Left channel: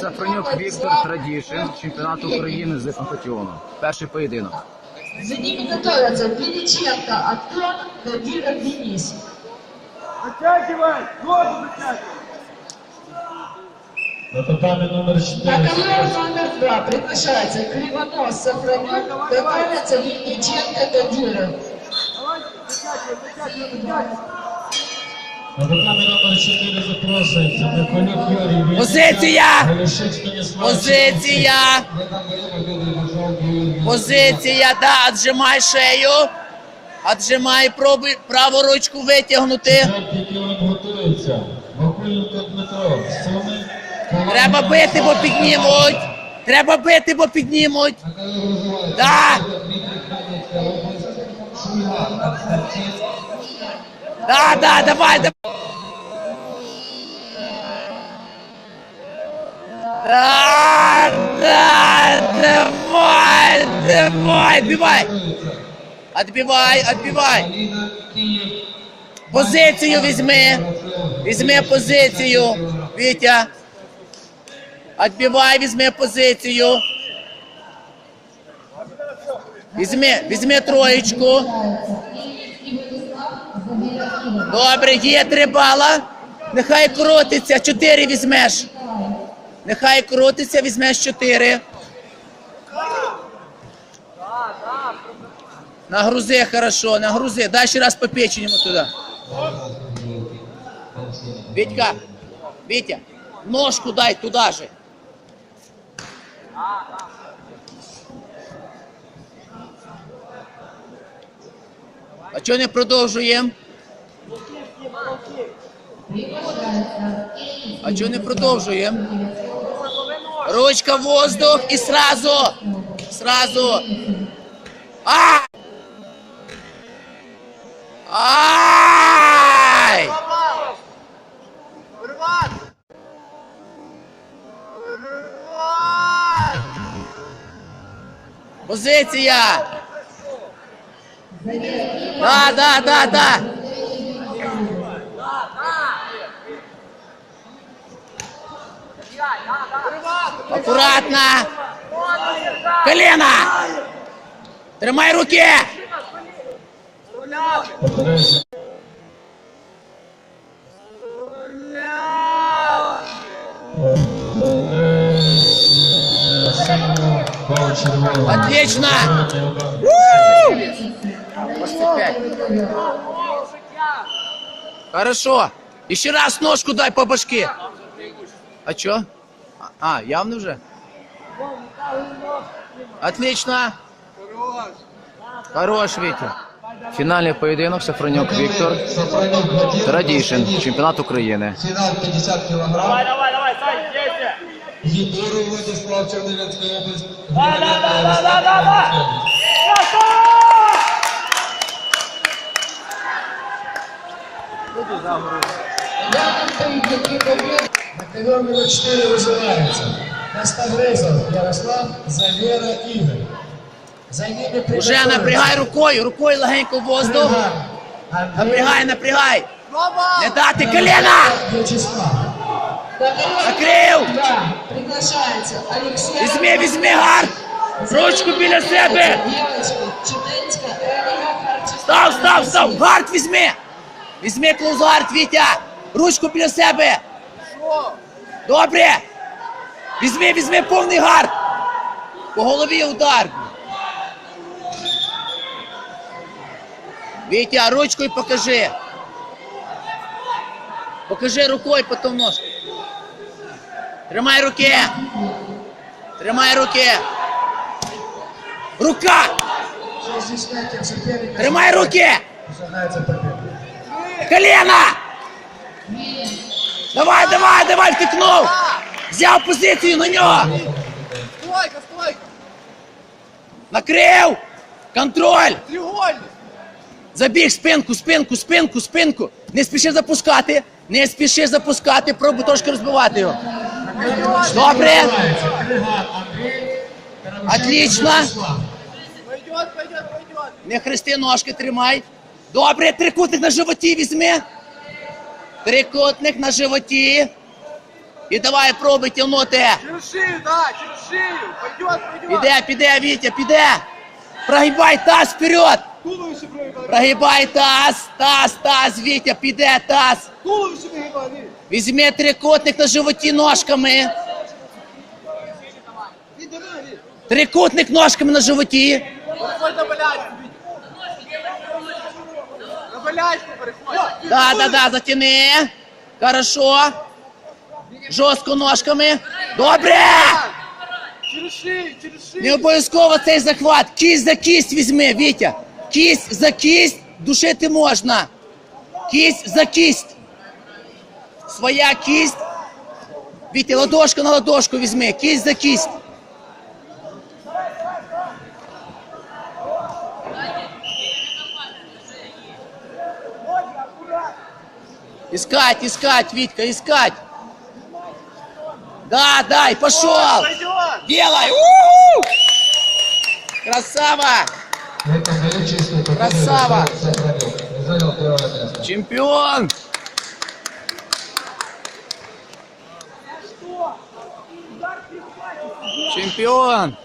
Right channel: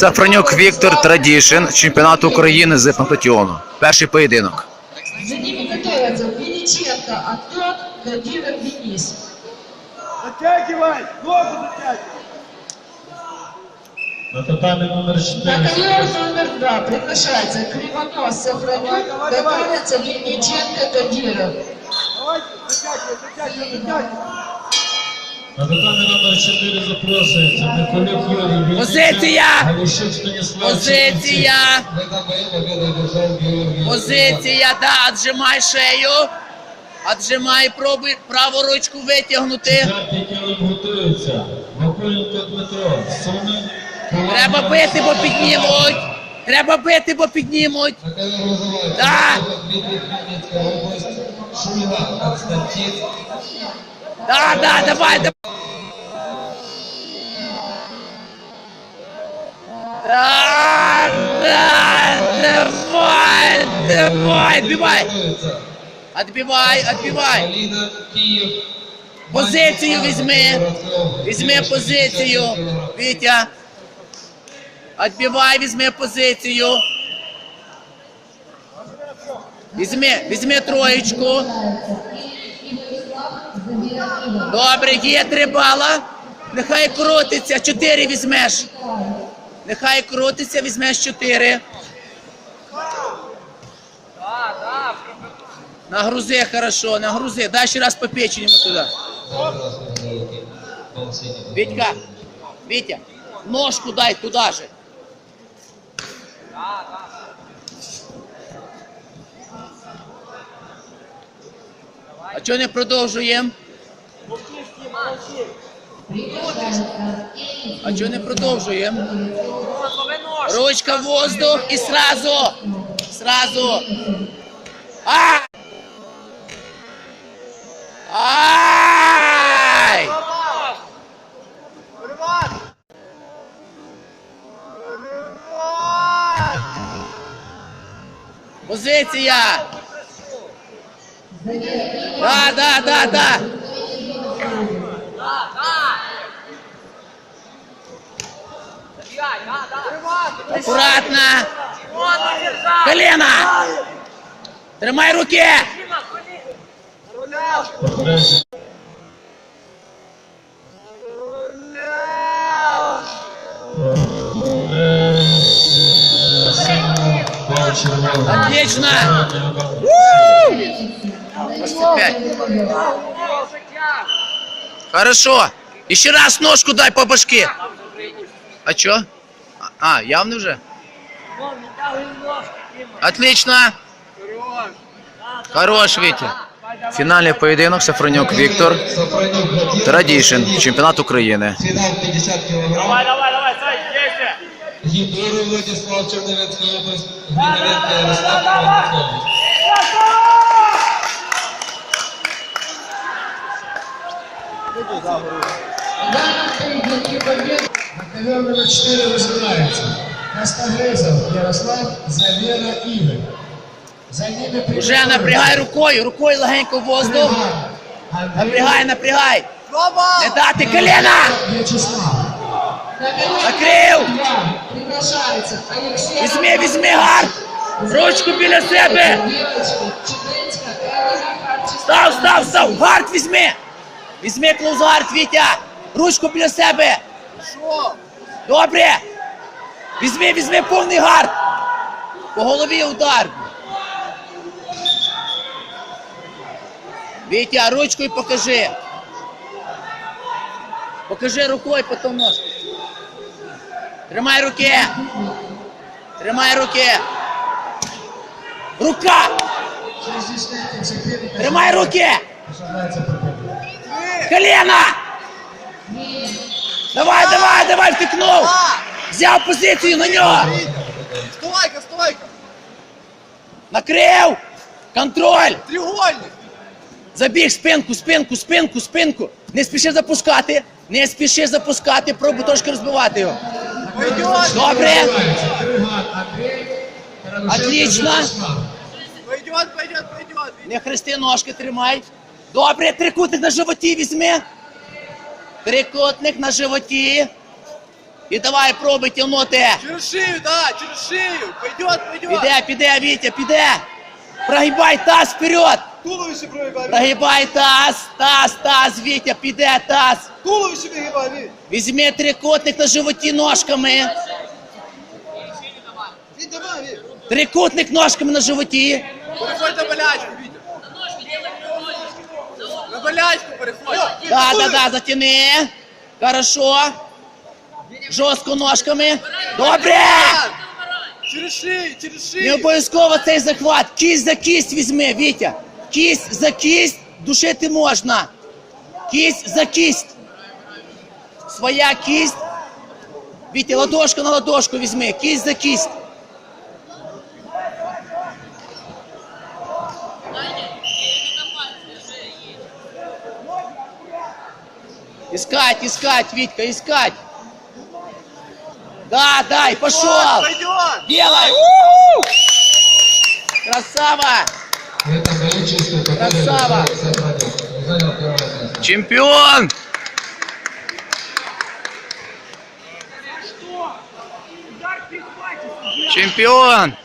Сафронюк Віктор Традішин, чемпіонат України з панкратіону. Перший поєдинок. За ними готовятся Винниченко, Антон, Кадиров, Денис. Затягивай! Ногу затягивай! На татамі номер На 4. номер два приглашается Кривонос, Сафронюк, готовятся Винниченко, Кадиров. Давай, затягивай, затягивай, затягивай! Позиція! Позиція! Позиція, да, отжимай шею. Отжимай, пробуй праву ручку витягнути. Треба бити, бо піднімуть. Треба бити, бо піднімуть. Да. Да, да, давай, давай. Да, да, давай, давай, отбивай. Отбивай, отбивай. Позицію візьми. Візьми позицію. Вітя. Отбивай, візьми позицію. Візьми, візьми троєчку. Добре, є три бала. Нехай крутиться. Чотири візьмеш. Нехай крутиться, візьмеш чотири. Нагрузи хорошо, нагрузи. Дай ще раз по печені туди. Вітька, Вітя, ножку дай туди же. А чого не продовжуємо? А чого не продовжуємо? Ручка в воздух і сразу. Сразу. А! Ай! Позиція! Да, да, да, да. Аккуратно. Колено. Тримай руки. Отлично. Может, опять. Хорошо. Еще раз ножку дай по башке. А чё? А, явно уже? Отлично. Хорош, Витя. Фінальний поєдинок Сафронюк Віктор. Традішин, чемпіонат України. Фінал 50 кг. Давай, давай, давай, Гідоров Владислав Чернівецька область. Григоренко Ярослав Іванівська область. Данном поединке победу номер 4 вызывается Костогрезов Ярослав, Завера Игорь. За ними Уже напрягай рукою, рукою легенько в воздух. Напрягай, напрягай. Не дати приглашается Алексей. Візьми, візьми гард. Ручку біля себе. Став, став, став. Гард візьми. Візьми клоузгард, Вітя. Ручку біля себе. Добре. Візьми, візьми повний гард. По голові удар. Вітя, ручкою покажи. Покажи рукою, потім ножку. Тримай руки. Тримай руки. Рука. Тримай руки. Колено! Давай, давай, давай, втикнув! Взяв позицію на нього! Стойка, стойка! Накрив! Контроль! Треугольник! Забіг спинку, спинку, спинку, спинку! Не спіши запускати! Не спіши запускати, пробуй трошки розбивати його. Добре! Вызывается Крыган Андрей, Таранушенко Отлично. Вячеслав. Пойдет, пойдет, пойдет! Не хрести ножки, тримай. Добре, трикутник на животі візьми. Трикутник на животі. І давай пробуй тягнути. Через шею, да, через шею. Пойдет, пойдет. Піде, піде, Вітя, піде. Прогибай таз вперед. Туловище пробегай. Прогибай таз, таз, таз, Вітя, піде таз. Туловище пригибай, Вить. Візьми трикутник на животі ножками. Давай, Вить. Трикутник ножками на животі. Переходь на болячку. Болячку переходь. Да, да, да, затяни. Хорошо. Жорстко ножками. Добре! Через шею, через Не обов'язково цей захват. Кість за кість візьми, Вітя. Кість за кість душити можна. Кість за кість. Своя кість. Вітя, ладошку на ладошку візьми. Кість за кість. Искать, искать, Витька, искать. Да, дай, пошел. Делай. У! Красава. Красава. Чемпион. Чемпион.